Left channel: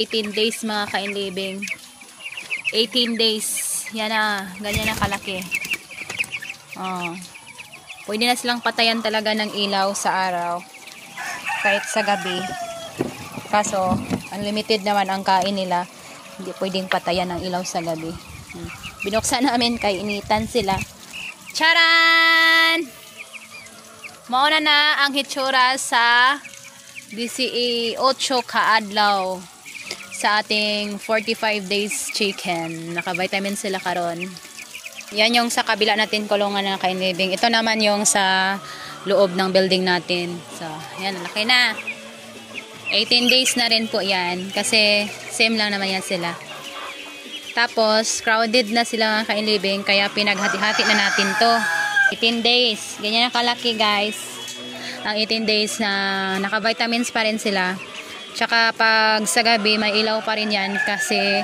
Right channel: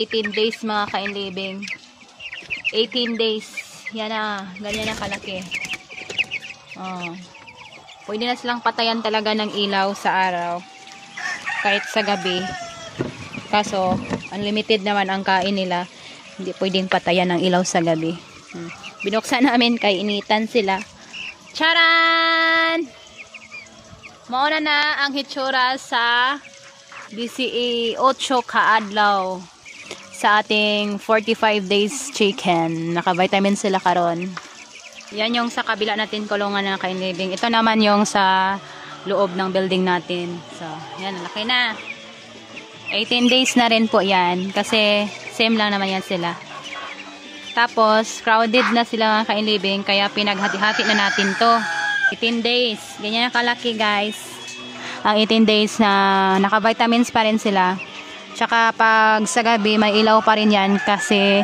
18 days mga kainlibing. 18 days. Yan na. Ganyan na kalaki. Oh. Pwede na silang patayan talaga ng ilaw sa araw. Kahit sa gabi. Kaso, unlimited naman ang kain nila. Hindi pwedeng patayan ng ilaw sa gabi. Binuksan namin kay initan sila. Charan! Mauna na ang hitsura sa 18 kaadlaw sa ating 45 days chicken. Naka-vitamin sila karon. Yan yung sa kabila natin kulungan na kainlibing. Ito naman yung sa loob ng building natin. So, yan, laki na. 18 days na rin po yan. Kasi same lang naman yan sila. Tapos, crowded na sila mga kainlibing. Kaya pinaghati-hati na natin to. 18 days. Ganyan na kalaki guys. Ang 18 days na naka-vitamins pa rin sila. Tsaka pag sa gabi, may ilaw pa rin yan kasi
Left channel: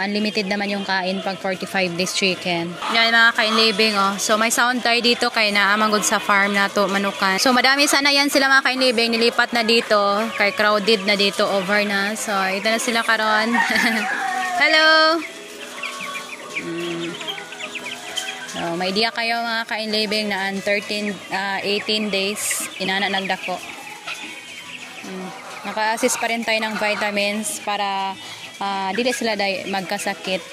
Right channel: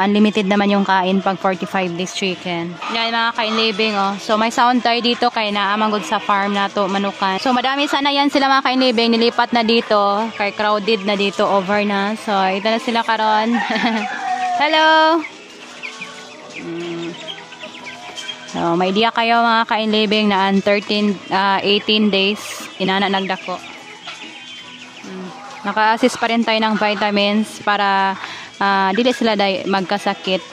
unlimited naman yung kain pag 45 days chicken. Yan mga kainlibing, oh. So may sound tayo dito kay naamangod sa farm na to, manukan. So madami sana yan sila mga kainlibing, nilipat na dito, kay crowded na dito, over na. So ito na sila karon. Hello! So may idea kayo mga kainlibing na 18 days, inana nagdako. Naka-assist pa rin tayo ng vitamins para dili sila magkasakit.